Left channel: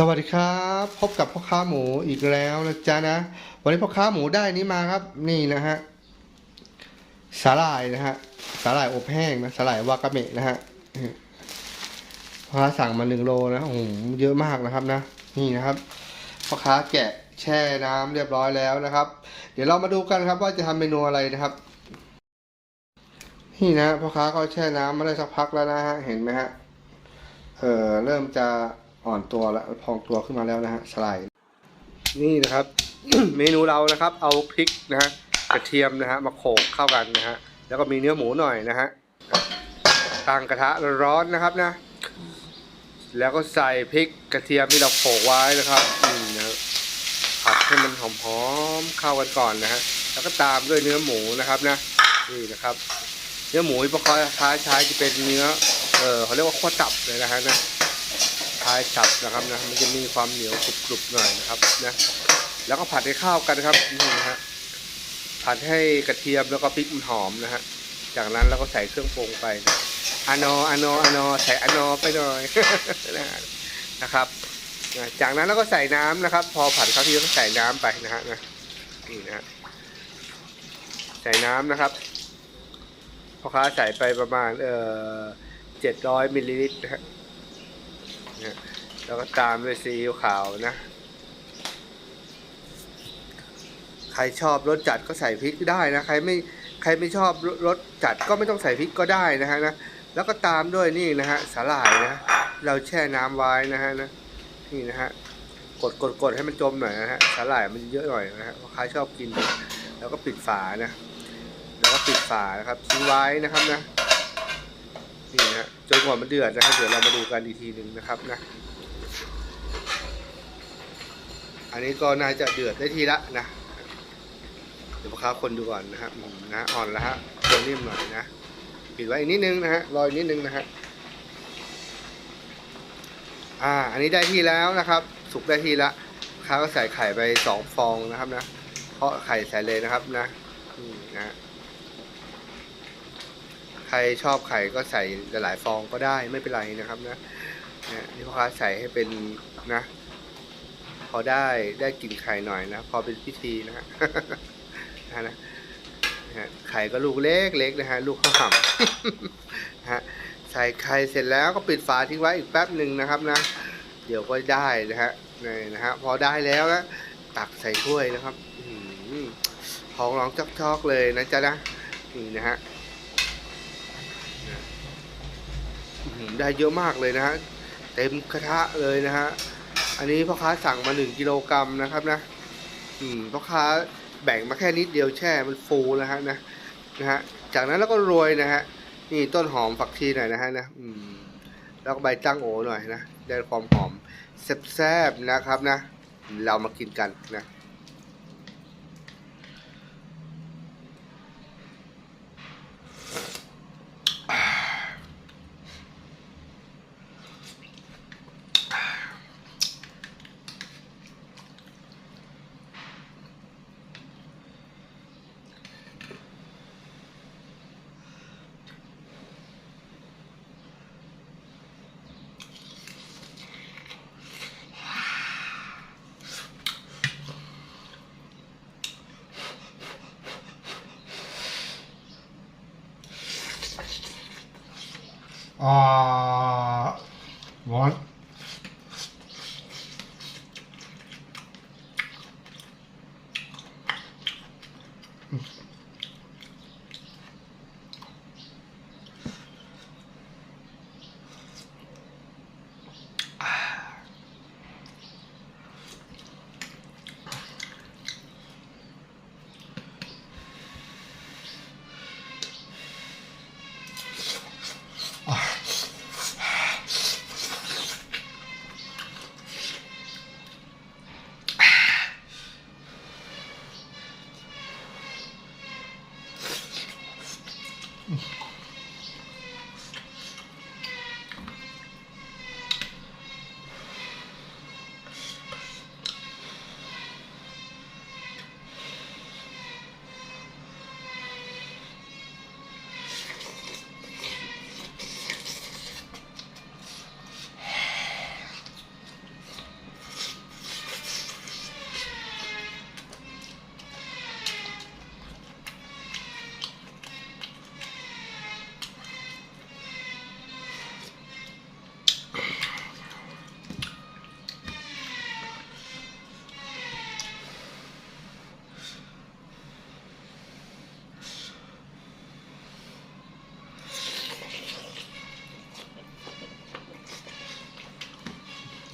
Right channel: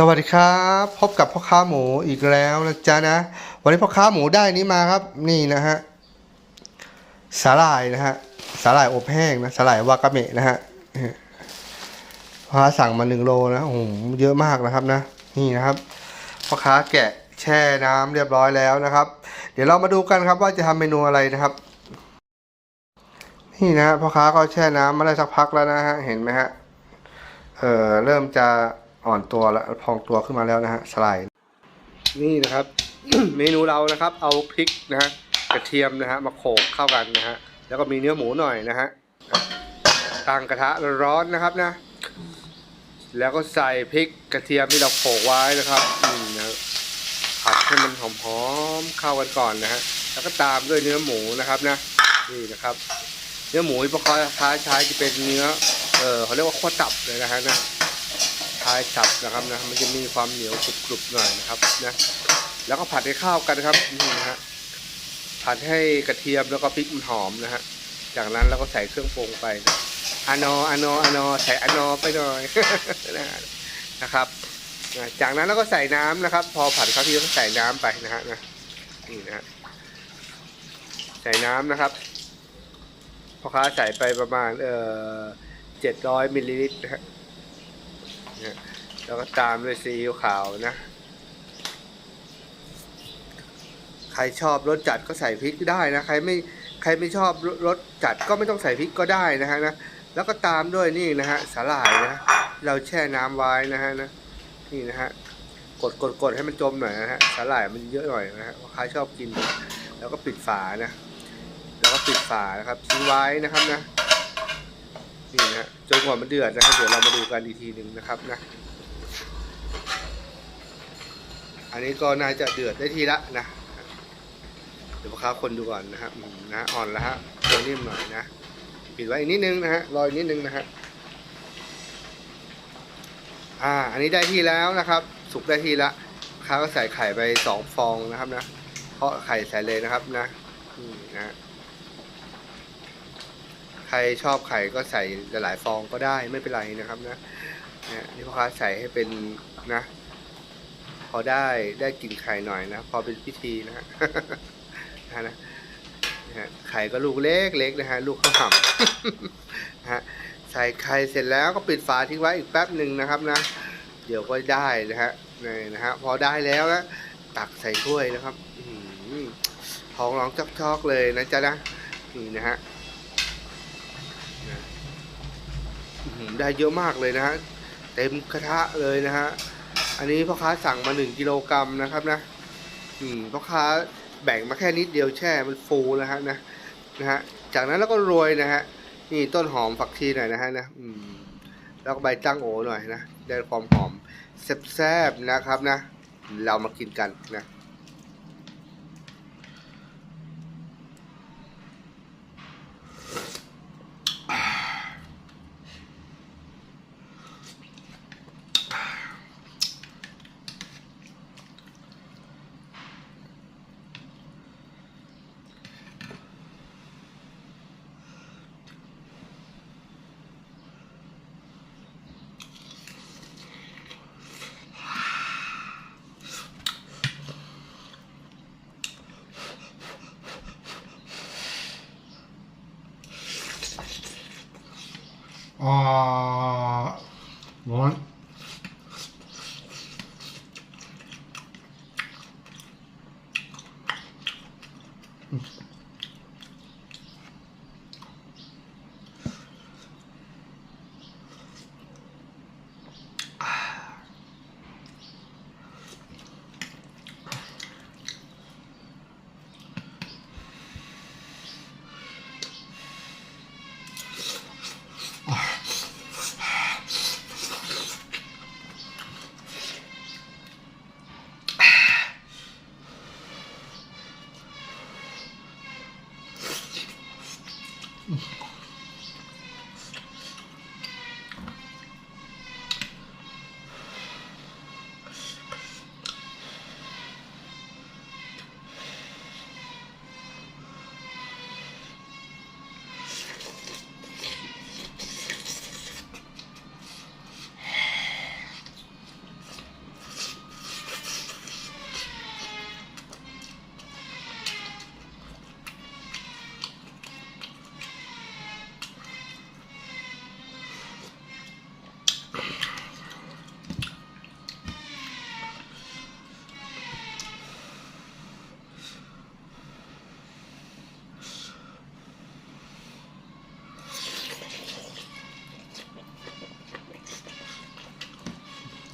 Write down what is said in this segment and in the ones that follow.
สวัสดีครับ พบกับพ่อค้าหมูอีกแล้วนะจ๊ะนะ วันนี้พ่อค้าหมูได้นี้มาครับ นี่นะฮะสาหร่ายนะฮะสาหร่ายอบแห้งนะสาหร่ายวากาเมะนะฮะพ่อค้าสั่งมาหนึ่งโลนะโอ้โหเยอะมากนะครับนะ นี่นะครับพ่อค้าแกะแช่น้ำเรียบร้อยแล้วนะครับ เดี๋ยวเรามาดูกันครับว่าจะทำเมนูอะไรนะครับ นี่นะฮะพ่อค้าก็แช่น้ำมาได้สักพักแล้วนะฮะเห็นไหมฮะเอ่อเริ่มจะ อ่อนตัวแล้วพองตัวขึ้นมาแล้วนะฮะสไลด์นี่นะครับ เมนูเรานะครับ เอาพริกนะฮะกระเทียมนะฮะมาโขลกเข้ากันนะฮะแล้วก็มีเนื้อหมูหน่อยนะฮะตั้งกระทะร้อนนะครับนะ แล้วก็ใส่พริกกระเทียมที่เราโขลกไว้นะครับอืมนะผัดให้มันหอมๆเข้ากันก่อนนะฮะแล้วก็ตามด้วยเนื้อหมูนะครับนะนี่นะครับ เนื้อหมูที่พ่อค้าใช้จะเป็นเนื้อเออเขาเรียกว่าขั้วตับเลยนะฮะนะ ท้ายตับนะครับนะมันจะมีความเหนียวกรุบๆหน่อยนะครับนะแล้วก็ผัดให้ข้าวกันครับนี่นะฮะผัดให้กระเทียมแล้วก็พริกมันหอมนะฮะจากนั้นเราก็ใส่เครื่องปรุงไปนะอานออานออานอใส่อานอไปหน่อยนะนะครับจากนั้นเราก็ใส่น้ำนะครับ พอผัดเข้าที่ก็ใส่น้ำไปนะฮะนะนี่นะฮะใส่น้ำนะครับพ่อค้าใส่ไปประมาณเอ่อเจ็ดร้อยมิลลิลิตรนะฮะ นะแล้วก็ตามด้วยซีอิ๊วขาวนะ ใครชอบรสจัดก็ใส่พริกได้นะ ใครไม่ใครไม่ชอบรสจัดก็ไม่ต้องใส่พริกก็ได้นะฮะนะ แล้วก็ตามด้วยนี่นะฮะสาหร่ายนะ เราแช่น้ำไว้นะฮะนะนี่นะฮะกดกดกดให้มันจมหน่อยนะฮะสาหร่ายมันเยอะหน่อยนะฮะใครชอบกิน แล้วก็ปิดฝานะ แล้วก็ปิดฝานะครับทิ้งไว้นะครับนะนี่นะ จนกว่ามันเดือดนะครับเดี๋ยวเรามาดูกันอีกทีหนึ่งนะครับนะ อันนี้ก็น่าจะเดือดได้ทีละนะ เดี๋ยวพ่อค้าคนดูก่อนนะครับอืมนะอ่อนแล้วฮะตัวนิ่มหน่อยนะปิดไว้อีกนิดนึงนะฮะรออีกนิดนึงนะฮะอ่า อันนี้ได้ที่แล้วนะครับ สุกได้ที่ละค้าก็ใส่ไข่ไปสองฟองนะครับนะ เพราะไข่ใส่เลยนะครับนะนี่นะ ใครชอบไข่ก็ใส่หลายๆฟองก็ได้ไม่เป็นไรนะครับนะเนี่ยนี่พ่อค้าใส่ให้เป็นนะ พอได้ได้กลิ่นไข่หน่อยนะพอเป็นพิธีนะฮะนะนะนะฮะไข่ก็ลูกเล็กเล็กนะฮะลูกข้าวห่ำฮะใส่ไข่เสร็จแล้วก็ปิดฝาทิ้งไว้อีกแป๊บหนึ่งนะครับนะ เดี๋ยวก็ได้นะฮะนี่นะฮะพอได้แล้วนะตักใส่ถ้วยนะครับอื้อหือท้องร้องจอกๆเลยนะจ๊ะนะนี่นะฮะ ได้เยอะมากเลยนะฮะเต็มกระทะเลยนะฮะอันนี้พ่อค้าสั่งมาหนึ่งกิโลกรัมนะครับนะอืมพ่อค้าแบ่งมาแค่นิดเดียวแช่มันฟูนะฮะนะนะฮะจากนั้นแล้วก็โรยนะฮะนี่ต้นหอมฝักชีหน่อยนะฮะนะอืมแล้วก็ใบตั้งโอหน่อยนะได้ความหอมแซ่บๆนะครับนะ เรามากินกันนะ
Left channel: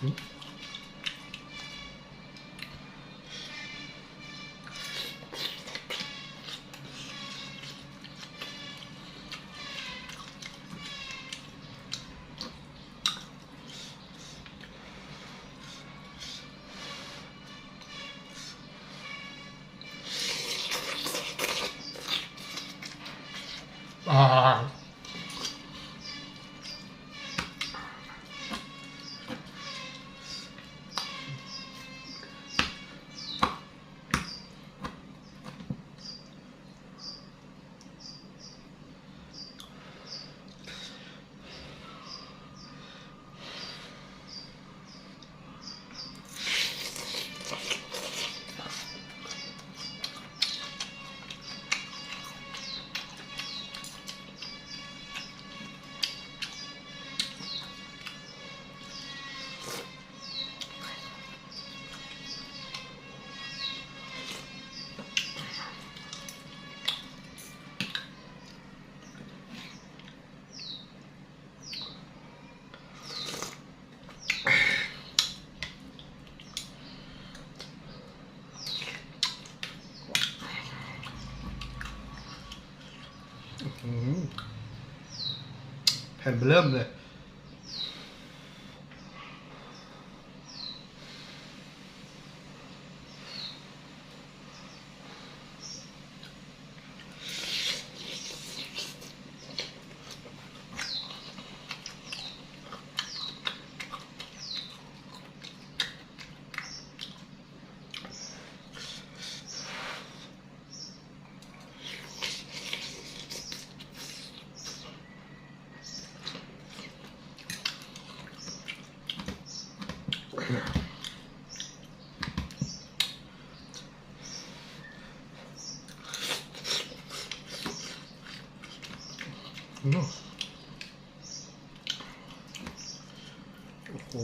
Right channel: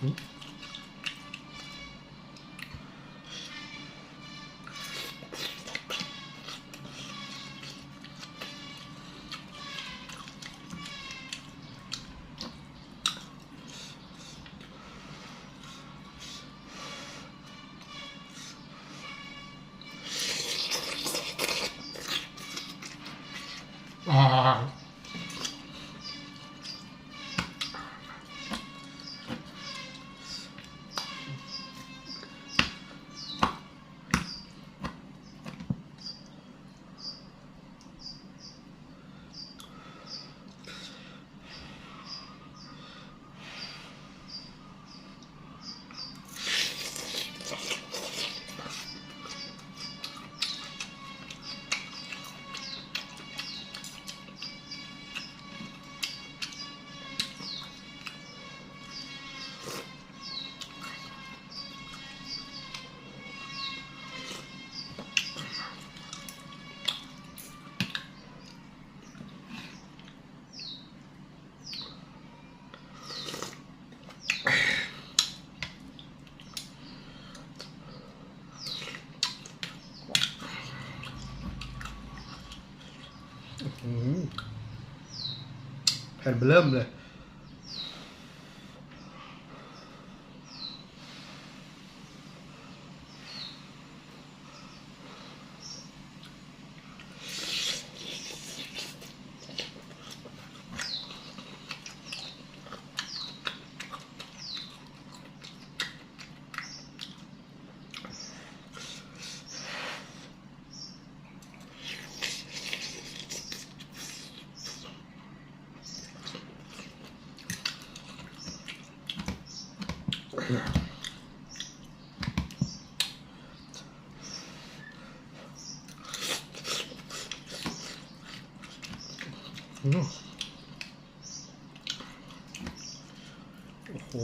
อ่า แผ่นเบลิ่มเลย โอ้โห